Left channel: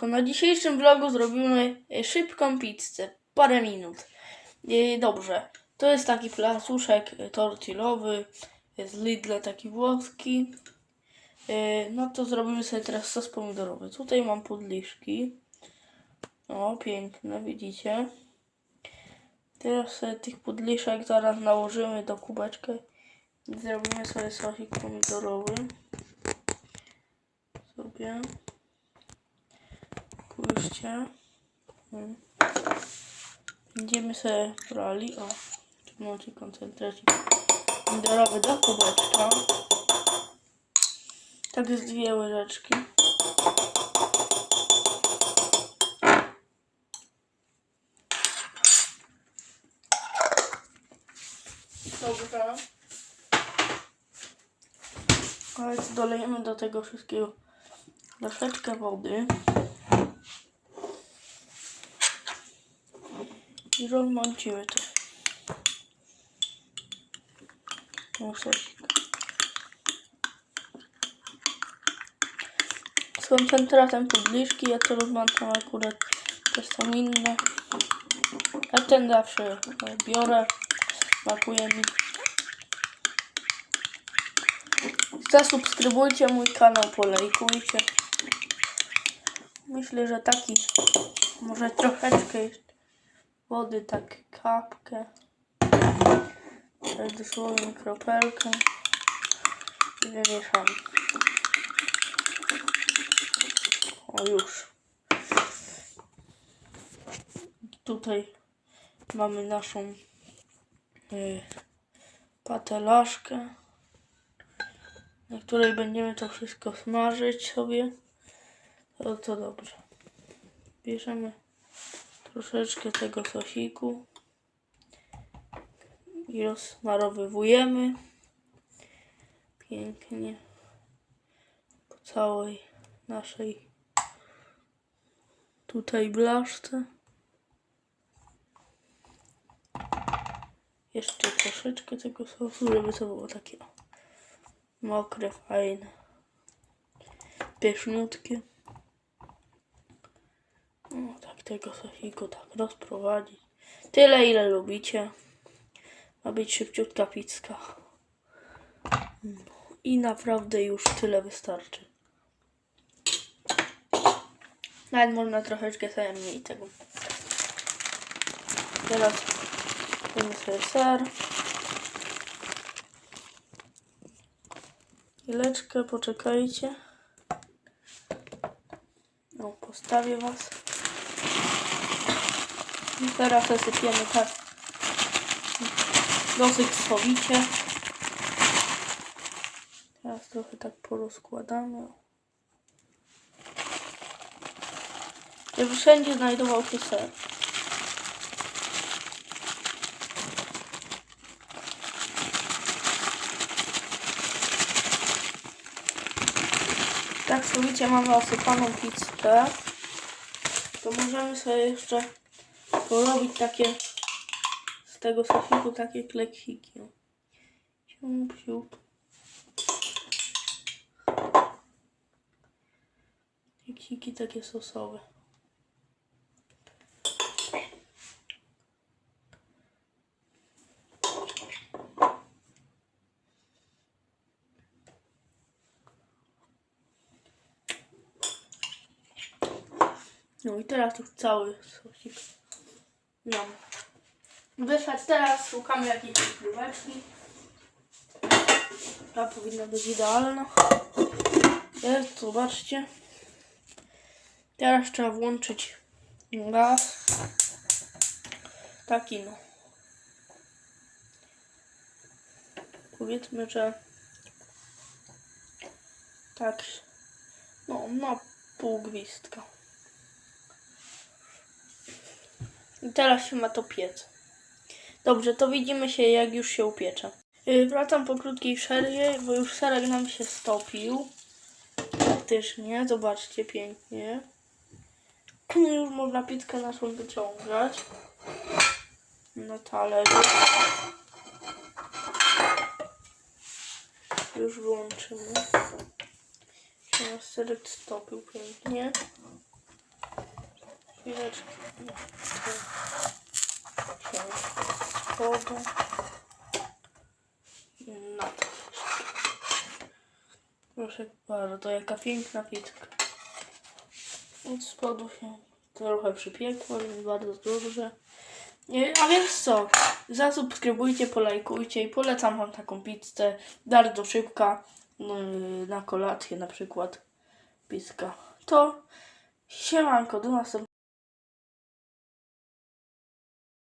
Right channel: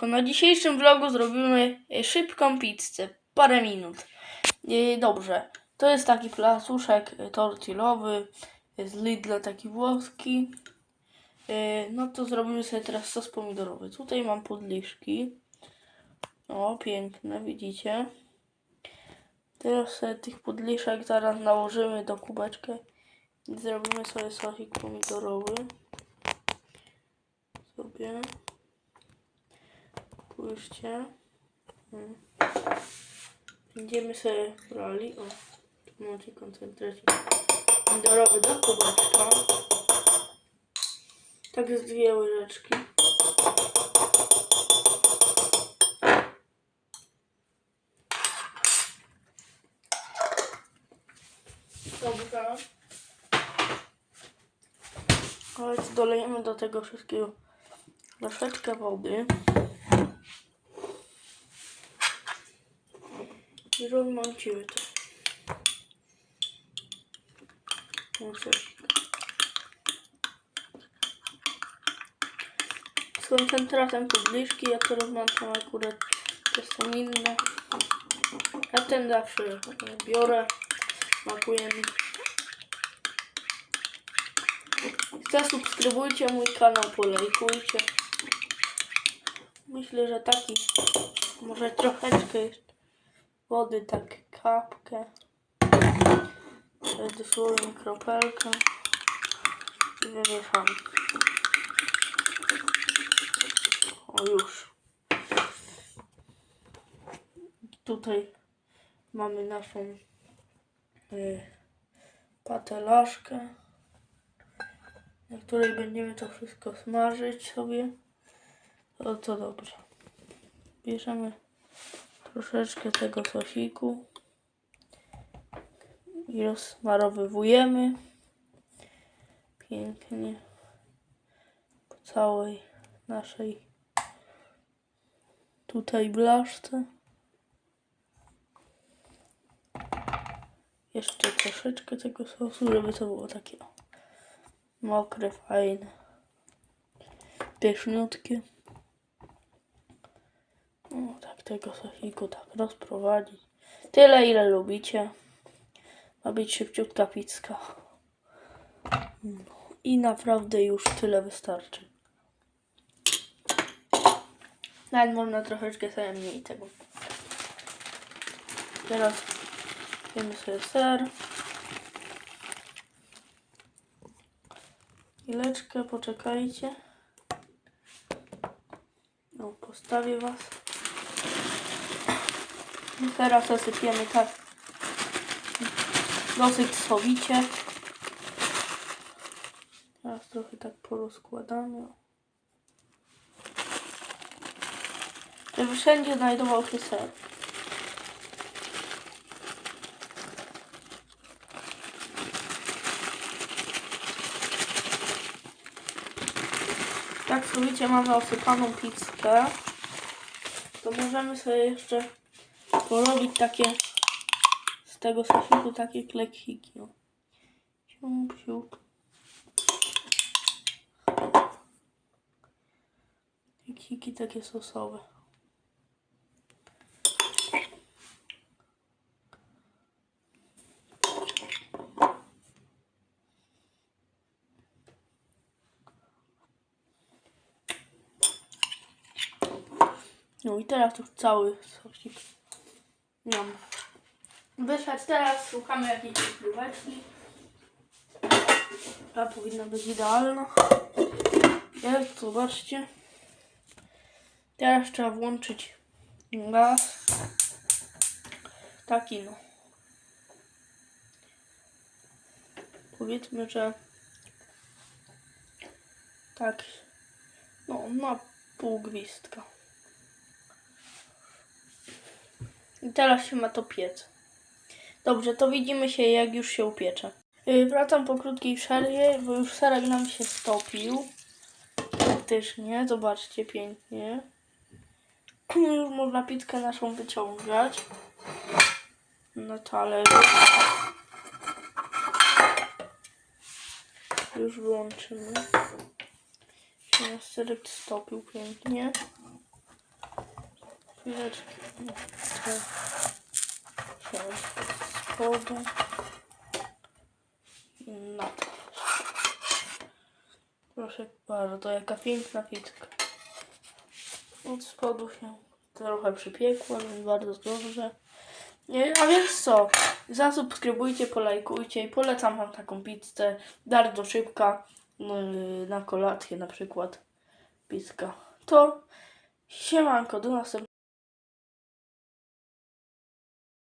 To na dzisiejszym vlogu zrobimy e, szybką pizzę. Parę minut. E, Dobrze. To jest taki placuszek e, tortillowy e, z Lidla, taki włoski. No to zrobimy sobie teraz sos pomidorowy. Tutaj mam podliszki. O, piękne, widzicie? Teraz sobie tych podliszek zaraz nałożymy do kubeczka zrobimy sobie sosik pomidorowy. Sobie. Spójrzcie. Mm. Będziemy sobie brali. O, tu macie koncentracie. Pomidorowy do kubeczka. Tak jest dwie łyżeczki. Dobra. Ale dolejemy do tego wszystkiego troszeczkę wody. I rozmącimy to. No coś. Z koncentratem podliszki, ja to rozmącam akurat, to są inne. Ja ten zawsze e, biorę, smakuje mi. Zasubskrybujcie mój kanał, polejkujcie. Myślę, że taki, może troszeczkę jeszcze wody, tak kapkę. Wtedy dosłownie kropelkę. I wymieszam. O już. Tutaj mamy naszą y, patelaszkę na której będziemy to wszystko smażyć sobie. To, to dobrze. Bierzemy troszeczkę tego sosiku i rozsmarowywujemy pięknie po całej naszej tutaj blaszce. Jeszcze troszeczkę tego sosu, żeby to było takie mokre, fajne, pyszniutkie. No, tak tego sosiku tak rozprowadzić. Tyle, ile lubicie. Ma być szybciutka pizka. No, I naprawdę już tyle wystarczy. Nawet można troszeczkę sobie mniej tego. Teraz dajmy sobie ser. Chwileczkę, poczekajcie. No, postawię was. Teraz zasypiemy tak dosyć sowicie. Teraz trochę tak porozkładamy. Żeby wszędzie znajdował się ser. Tak sowicie mamy osypaną pizzkę. To możemy sobie jeszcze porobić takie z tego sosiku takie kleksiki. Siup, siup. Kleksiki takie sosowe. No i teraz już cały sosik. Wyszedł teraz, szukamy jakiejś króweczki. Ta powinna być idealna. Jest, zobaczcie. Teraz trzeba włączyć gaz. Taki no. Powiedzmy, że tak. No, na pół gwizdka. I teraz się ma to piec. Dobrze, to widzimy się jak już się upiecze. Yy, wracam po krótkiej przerwie, bo już serek nam się stopił. Faktycznie, zobaczcie pięknie. Już można pizzkę naszą wyciągać. Na talerzu. Już wyłączymy. Się nasz serek stopił pięknie. Chwileczkę. Od spodu. No. Proszę bardzo, jaka piękna pizzka. Od spodu się trochę przypiekło, więc bardzo dobrze. A więc co? Zasubskrybujcie, polajkujcie i polecam wam taką pizzę. Bardzo szybka. No, na kolację na przykład. Pizka. To siemanko, do następnego.